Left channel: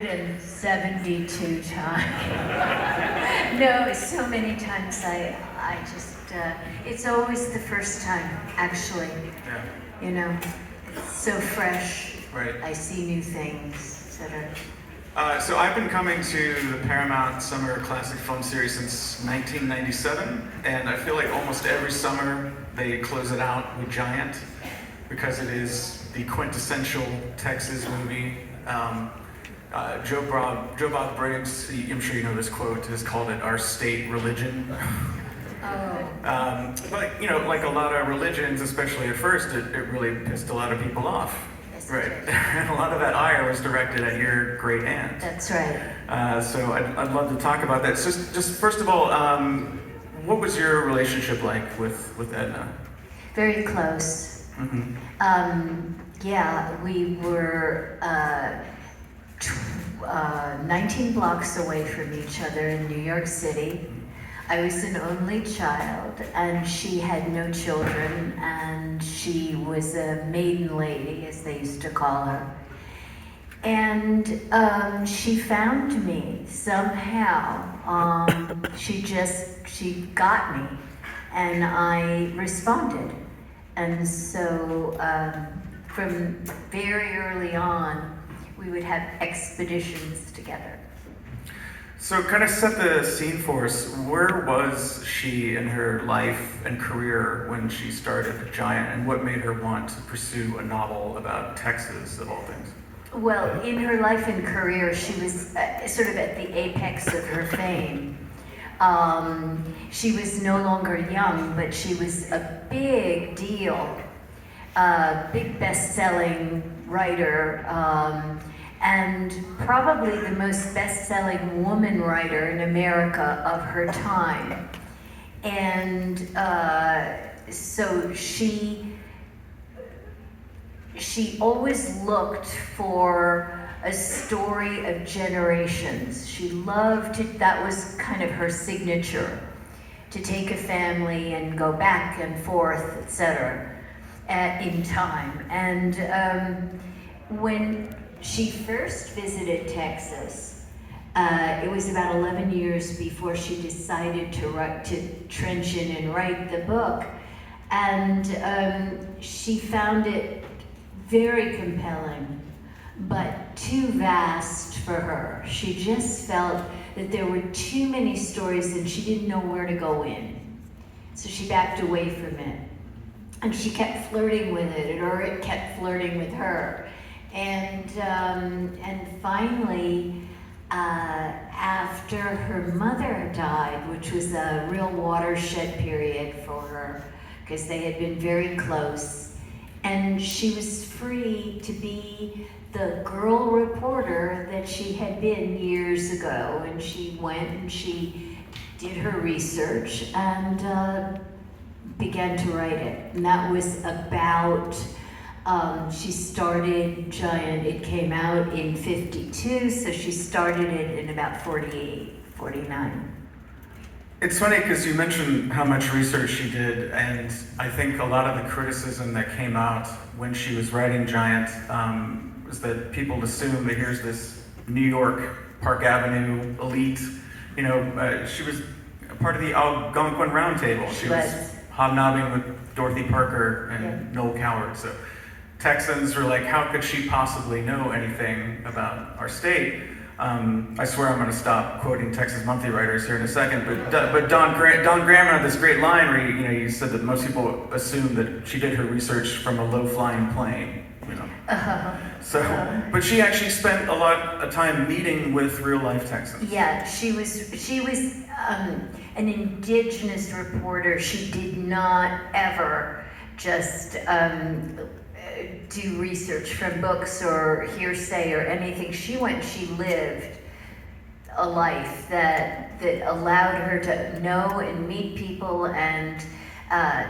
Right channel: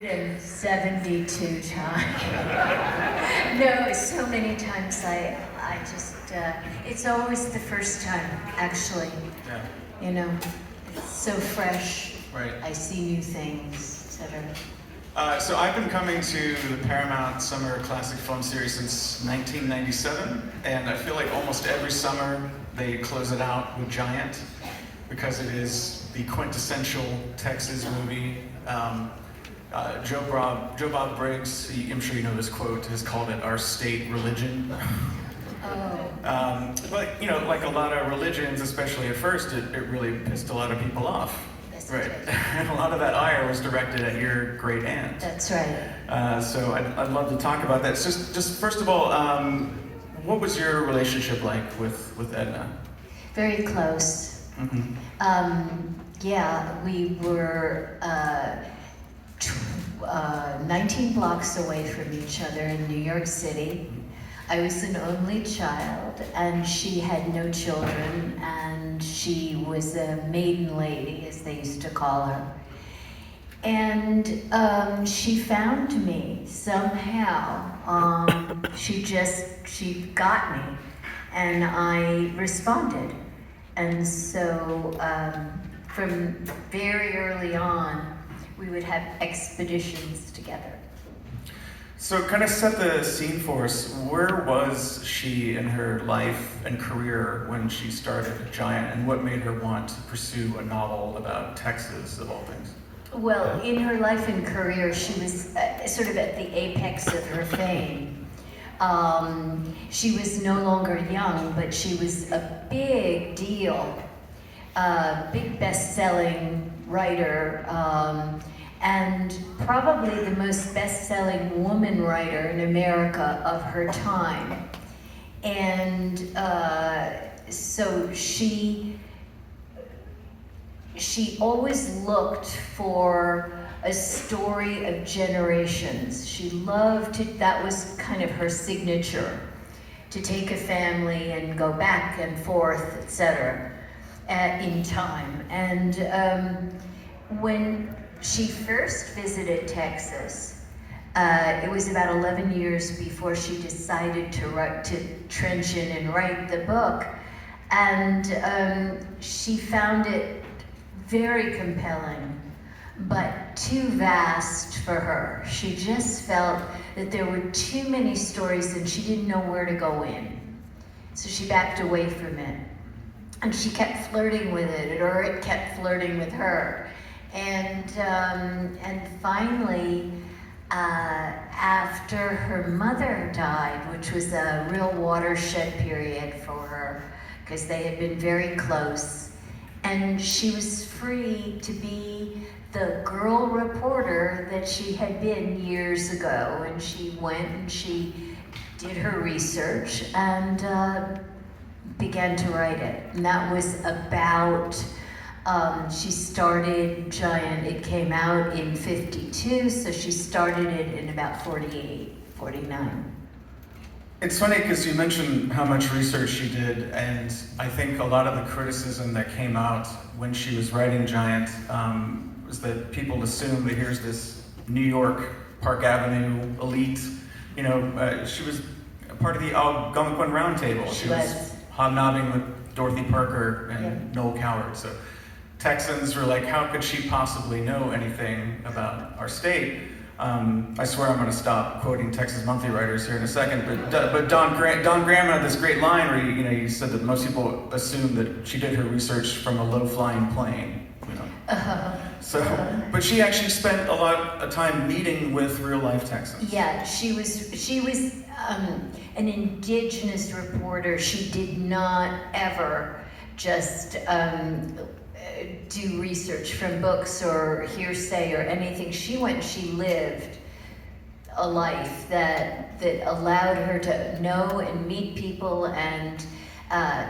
And 72 times. No, so many times I just, it's always the first time, actually. Yeah. You know, it's so fresh. Right. I see new things, etc. So I've been coming to the Paramount Summer Classic Film Series since 1997, and I feel like almost every summer they close it out with Giant, because it is the quintessential Texas movie. Joe Bob Briggs, I'm sure you know this quote, has called it our state religion. Oh. But, you know, like a lot of religions, especially at first, it really pissed a lot of people off. Yes, Right. And a lot of that ire was directed at your great aunt. That's right. So I'd love to talk about that. Just first of all, what was your relationship like with Edna? Very close. Mm-hmm. Yeah, we were 19 blocks away from each other in New York City. I was an only child, and she had no children, and she was a maiden lady, as they used to call her. And she found me somehow. She got me, and I responded. And so from very early on, we would have expeditions together. So kind of set the scene for us. Where was she in her life and career when she started Giant, and what made her want to pursue a novel about Texas, of all things? Well, in her life and career, she was sort of at the apex of her fame. She was no longer young, but she was a big deal, big best-selling writer, and probably the most best-selling woman writer in America of her time. And so she always looked for a story of generations. She loved to, that was kind of her signature, to take a family and go back and forth, etc. In time. And when she first visited Texas, it was about 11 years before she decided to trench in and write the book. And she found it very compelling, but too vast for her. She just felt that there were too many stories and she didn't know where to go in. So she backed away from it. And she kept flirting with it, or it kept flirting with her. And finally, after her mother died, which was a real watershed period for her, because they had been very close, and she was free to be the girl reporter that she had been years ago. And she went and she did her research and began to write it. And that was about, she started Giant, it came out in 52, so she started it in about 48, 49. It's funny because you mentioned how much research she did, and I think a lot of the criticism that came out when she was writing Giant was that people assumed that here's this New York, Park Avenue elite, you know, she was a part of the Algonquin Round Table. She was hobnobbing with Dorothy Parker and Noel Coward. So Texans were like, how could she possibly know anything about our state? I swear I'm going to stop quoting Texas Monthly writers here in a second, but Don Graham had this great line where he said that most people assume that she did her research from a low-flying plane. You know. So, but she actually spent a lot of time meeting with real-life Texans. Yeah, she was an indigenous reporter. She did not ever just do research from books or hearsay or anything. She lived a life that allowed her to know and meet people and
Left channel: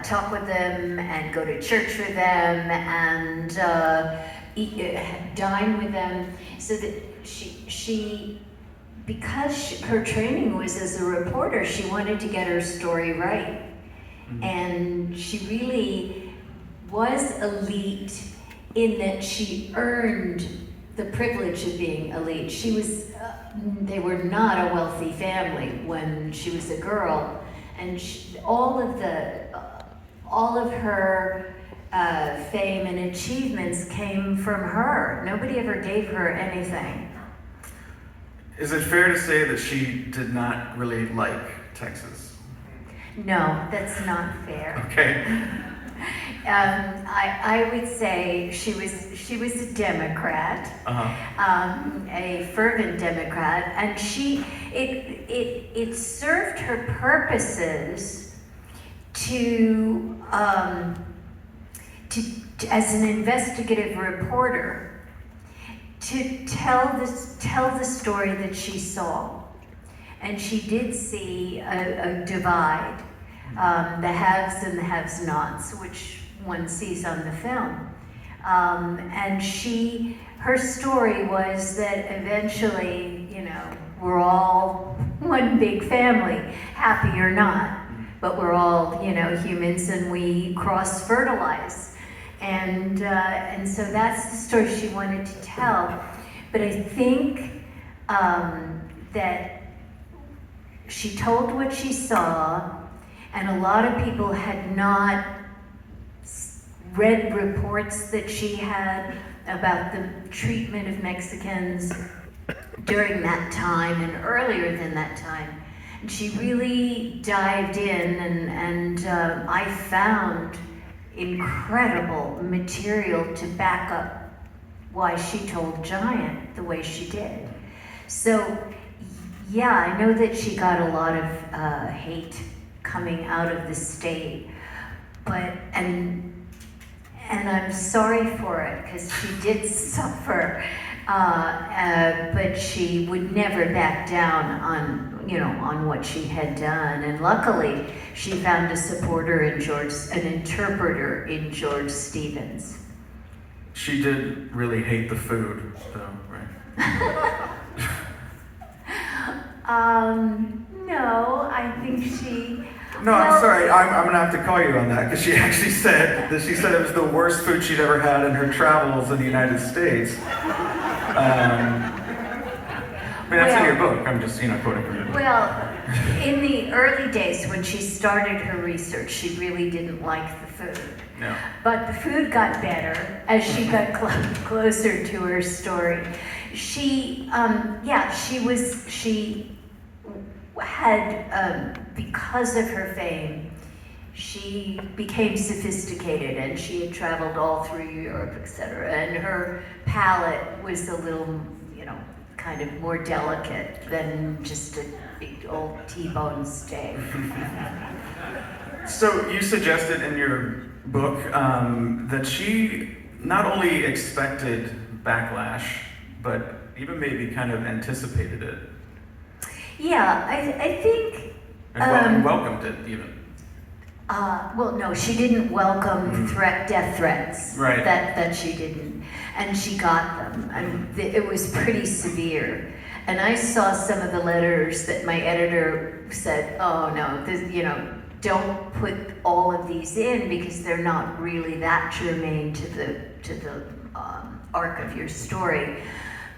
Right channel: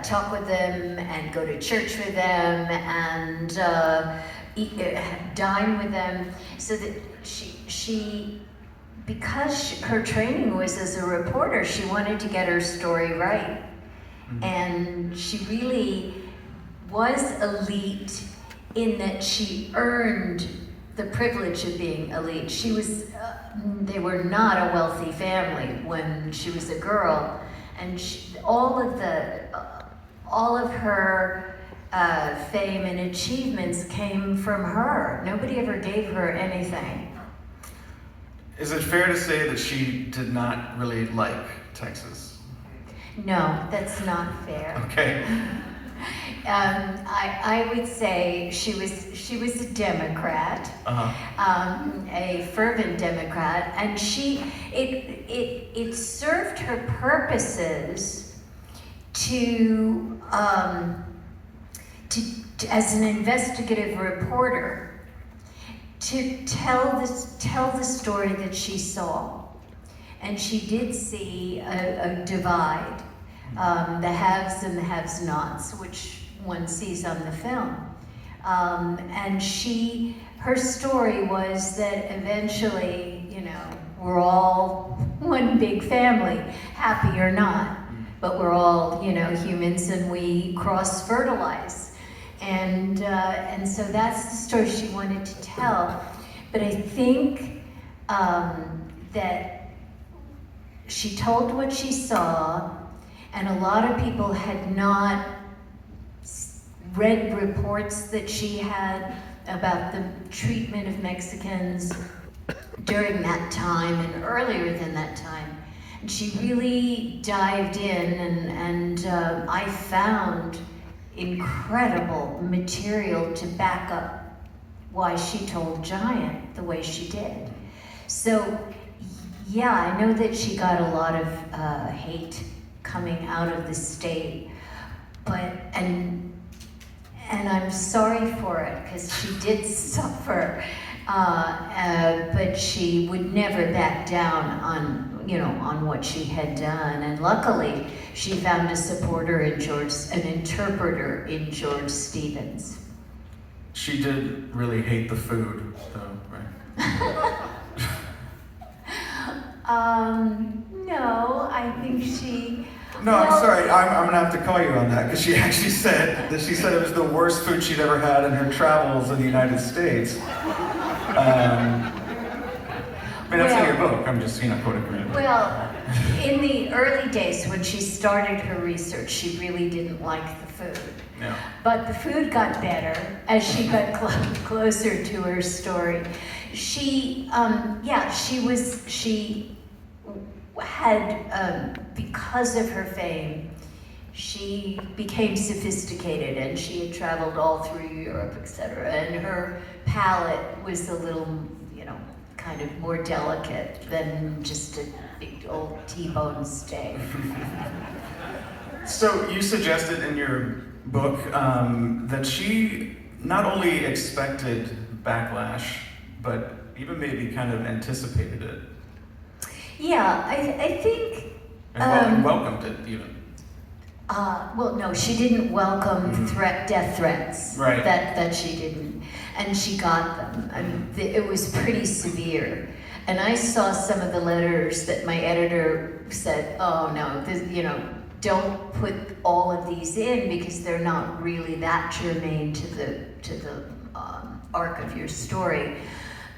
talk with them and go to church with them and dine with them. So that she because her training was as a reporter, she wanted to get her story right. Mm-hmm. And she really was elite in that she earned the privilege of being elite. She was, they were not a wealthy family when she was a girl, and all of her fame and achievements came from her. Nobody ever gave her anything. Is it fair to say that she did not really like Texas? No, that's not fair. Okay. I would say she was a Democrat, a fervent Democrat, and it served her purposes to as an investigative reporter to tell the story that she saw, and she did see a divide. The haves and the have-nots, which one sees on the film. And her story was that eventually, we're all one big family, happy or not, but we're all, humans, and we cross-fertilize. And so that's the story she wanted to tell. But I think that she told what she saw, and a lot of people had not read reports that she had about the treatment of Mexicans during that time and earlier than that time. And she really dived in, and I found incredible material to back up why she told Giant the way she did. So, yeah, I know that she got a lot of hate coming out of the state, and I'm sorry for it, because she did suffer, but she would never back down on what she had done, and luckily she found a supporter in an interpreter in George Stevens. She did really hate the food, though, right? No, I think she... No, I'm sorry. I'm gonna have to call you on that, because she actually said that it was the worst food she'd ever had in her travels in the United States. That's in your book. I'm just, quoting her. Well, in the early days when she started her research, she really didn't like the food. No. But the food got better as she got closer to her story. She had, because of her fame, she became sophisticated, and she had traveled all through Europe, etc. And her palate was a little, kind of more delicate than just a big old T-bone steak. So you suggested in your book that she not only expected backlash, but even maybe kind of anticipated it. Yeah, I think... And welcomed it, even. Well, no, she didn't welcome death threats. Right. That she didn't. And she got them. And it was pretty severe. And I saw some of the letters that my editor said, oh no, don't put all of these in, because they're not really that germane to the arc of your story.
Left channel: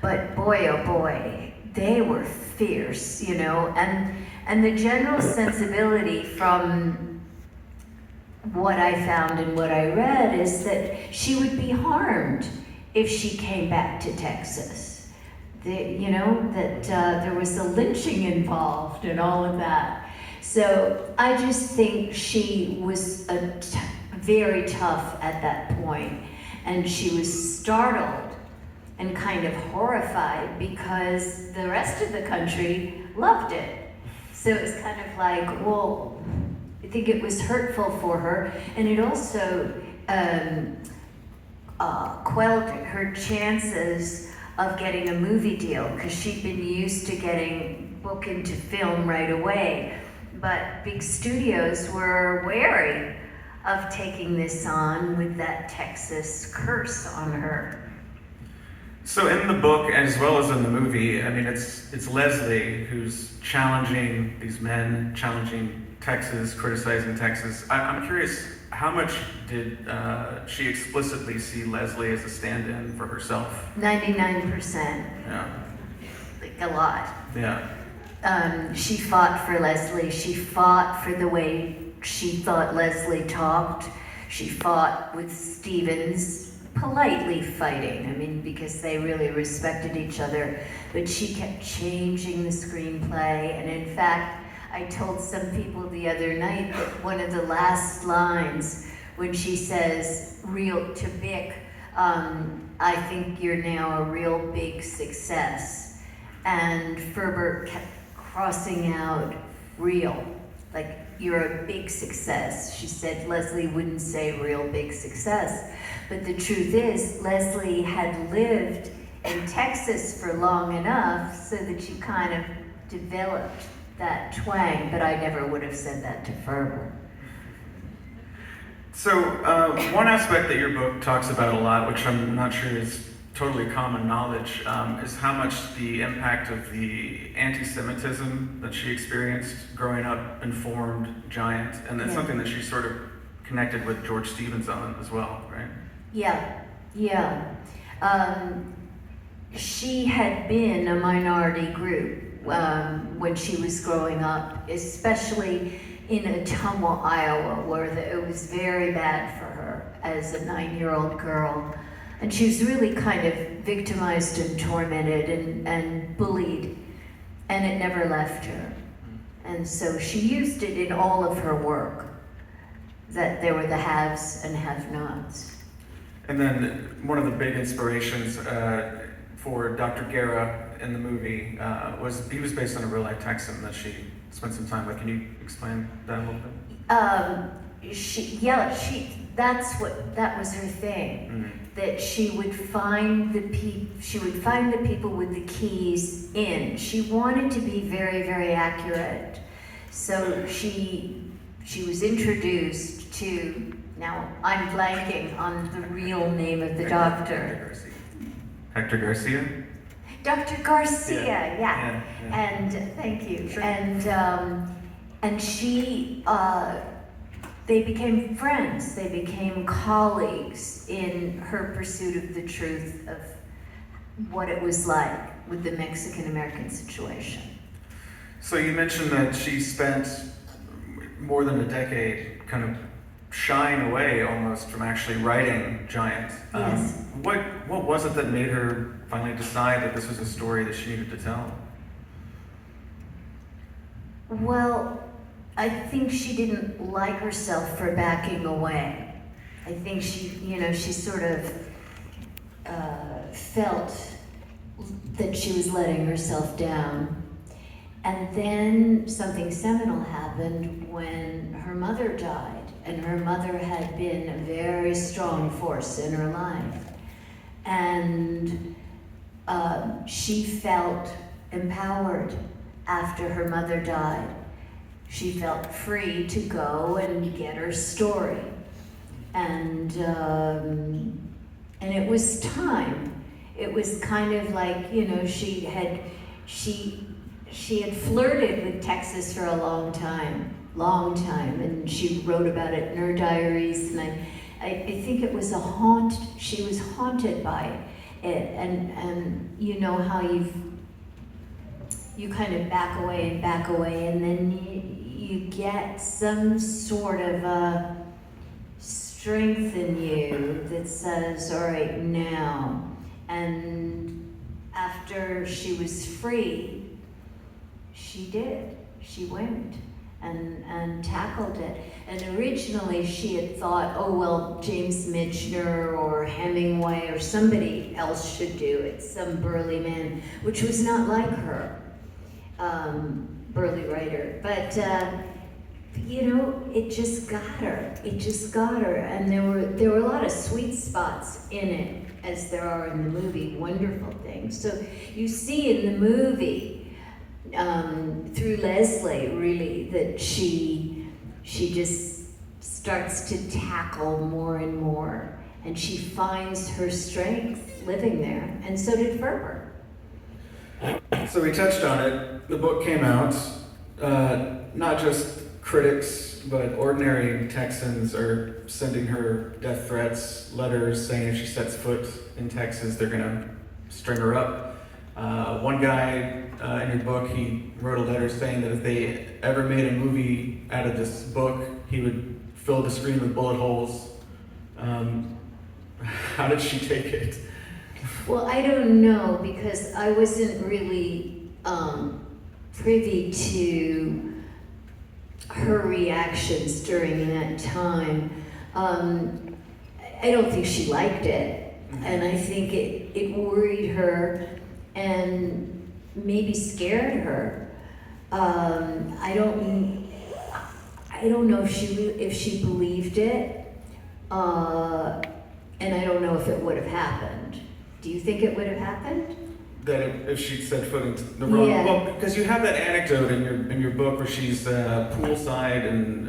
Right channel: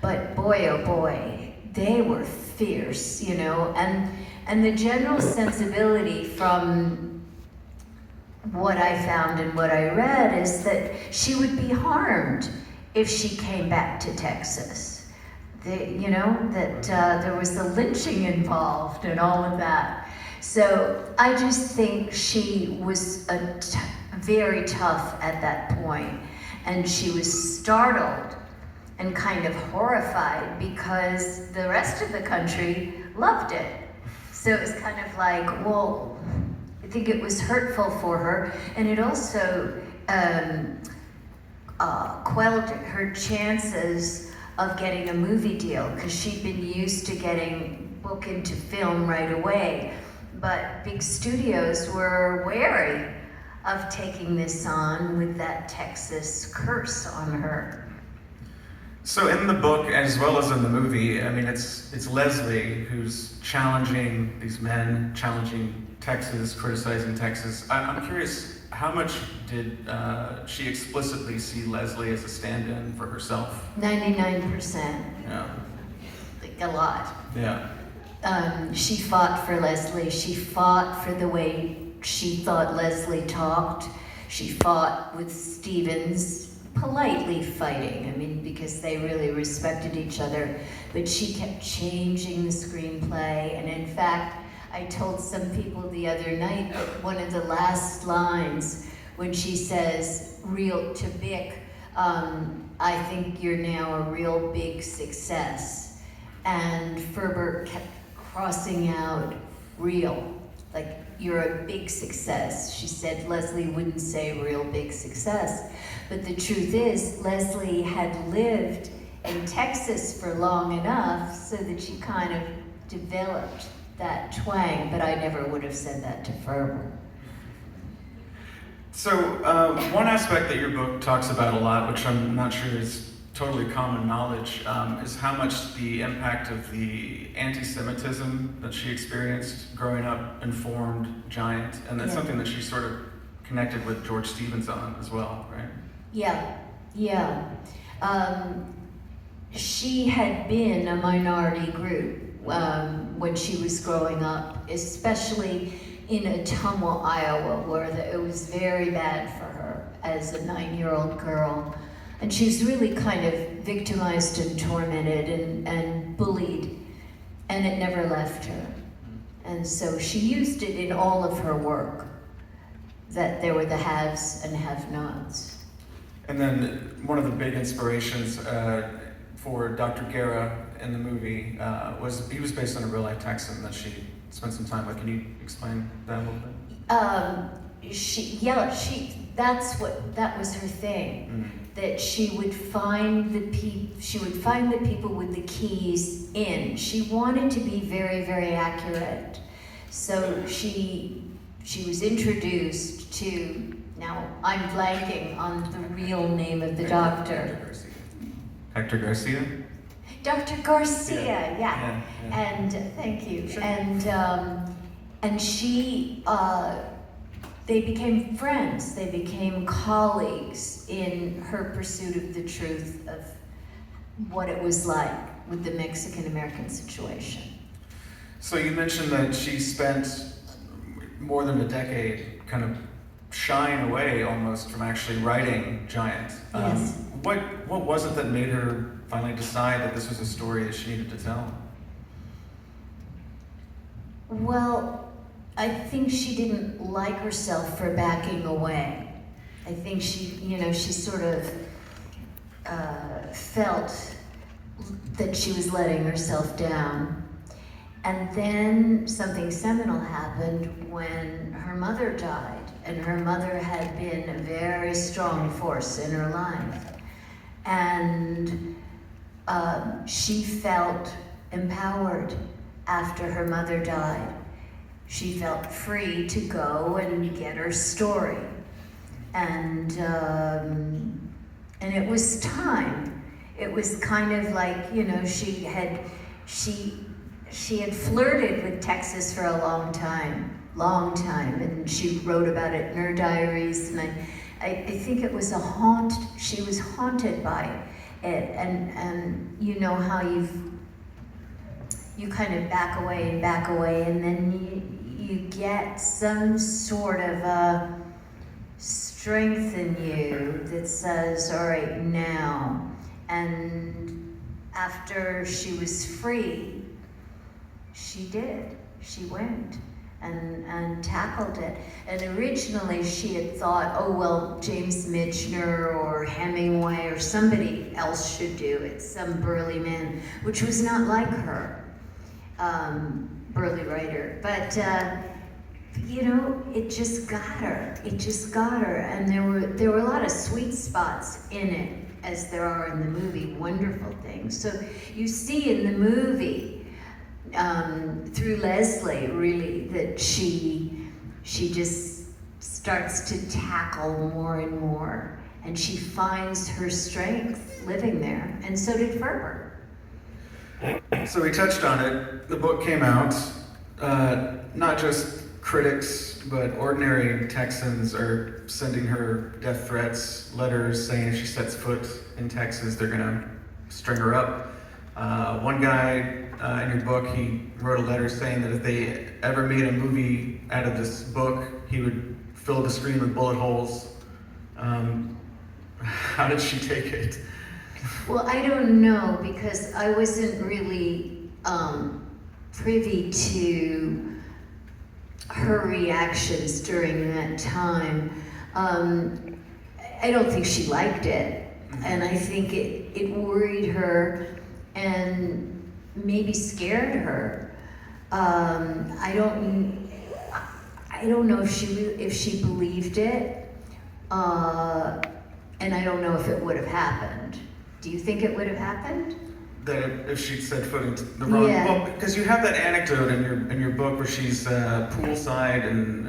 But boy, oh boy, they were fierce, and the general sensibility from what I found and what I read is that she would be harmed if she came back to Texas. That there was the lynching involved and all of that. So I just think she was very tough at that point, and she was startled and kind of horrified because the rest of the country loved it. So it was kind of like, well, I think it was hurtful for her, and it also quelled her chances of getting a movie deal, because she'd been used to getting booked into film right away. But big studios were wary of taking this on with that Texas curse on her. So in the book, as well as in the movie, it's Leslie who's challenging these men, challenging Texas, criticizing Texas. I'm curious, how much did she explicitly see Leslie as a stand-in for herself? 99%. Yeah. Like a lot. Yeah. She fought for Leslie. She fought for the way she thought Leslie talked. She fought with Stevens, politely fighting, I mean, because they really respected each other. But she kept changing the screenplay. And in fact, I told some people the other night that one of the last lines, when she says, real to Bick, I think you're now a real big success. And Ferber kept crossing out real, like you're a big success. She said Leslie wouldn't say real big success. But the truth is, Leslie had lived in Texas for long enough so that she kind of developed that twang, but I never would have said that to Ferber. So one aspect that your book talks about a lot, which I'm not sure is totally common knowledge, is how much the impact of the anti-Semitism that she experienced growing up informed Giant, and that's something that she sort of connected with George Stevens on as well, right? Yeah. She had been a minority group when she was growing up, especially in Ottumwa, Iowa, where it was very bad for her as a 9-year-old girl. And she was really kind of victimized and tormented and bullied, and it never left her. And so she used it in all of her work, that there were the haves and have-nots. And then one of the big inspirations for Dr. Guerra in the movie was, he was based on a real-life Texan that she spent some time with. Can you explain that a little bit? That was her thing. That she would find the people with the keys in. She wanted to be very, very accurate. So she was introduced to, now I'm blanking on the real name of the doctor. Hector Garcia? Dr. Garcia, Yeah. And thank you. Sure. And she, they became friends. They became colleagues in her pursuit of the truth of what it was like with the Mexican-American situation. So you mentioned that she spent more than a decade kind of shying away almost from actually writing Giant. Yes. What was it that made her finally decide that this was a story that she needed to tell? Well, I think she didn't like herself for backing away. I think she sort of felt that she was letting herself down. And then something seminal happened when her mother died. And her mother had been a very strong force in her life. And she felt empowered after her mother died. She felt free to go and get her story. And it was time. It was kind of like, she had flirted with Texas for a long time, and she wrote about it in her diaries, and I think it was she was haunted by it, and you know how you kind of back away, and then you get some sort of a strength in you that says, all right, now. And after she was free, she went and tackled it. And originally she had thought, oh, well, James Michener or Hemingway or somebody else should do it, some burly man, which was not like her, burly writer. But, it just got her. And there were a lot of sweet spots in it, as there are in the movie, wonderful things. So you see in the movie, through Leslie, really, that she just starts to tackle more and more, and she finds her strength living there, and so did Ferber. So we touched on it. The book came out, not just critics, but ordinary Texans are sending her death threats, letters saying if she sets foot in Texas, they're gonna string her up. One guy in your book, he wrote a letter saying that if they ever made a movie out of this book, he would fill the screen with bullet holes. How did she take it? Well, I don't know, because I wasn't really privy to her reactions during that time. I don't think she liked it, and I think it worried her and maybe scared her. I don't know if she believed it, and I don't know if it would have happened. Do you think it would have happened? That if she'd set foot into the road, Yeah. well, because you have that anecdote in your book where she's poolside and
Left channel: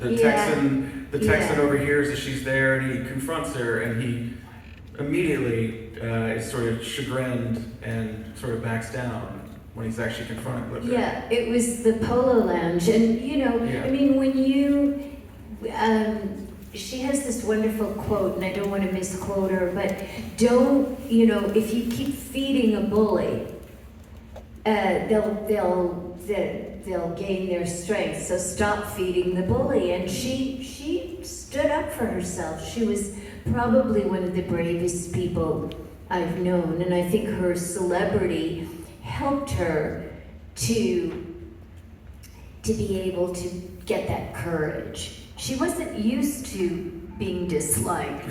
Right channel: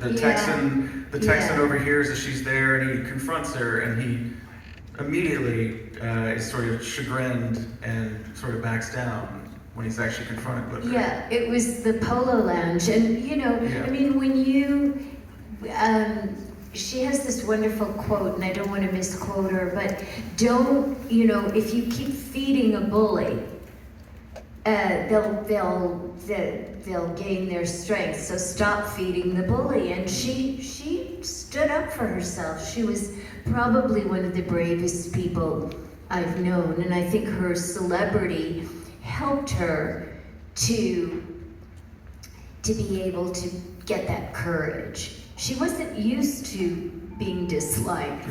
the Texan overhears that she's there and he confronts her and he immediately is sort of chagrined and sort of backs down when he's actually confronted with her. Yeah, it was the Polo Lounge, and I mean, when you, she has this wonderful quote, and I don't want to misquote her, but if you keep feeding a bully, they'll gain their strength. So stop feeding the bully. And she stood up for herself. She was probably one of the bravest people I've known, and I think her celebrity helped her to be able to get that courage. She wasn't used to being disliked.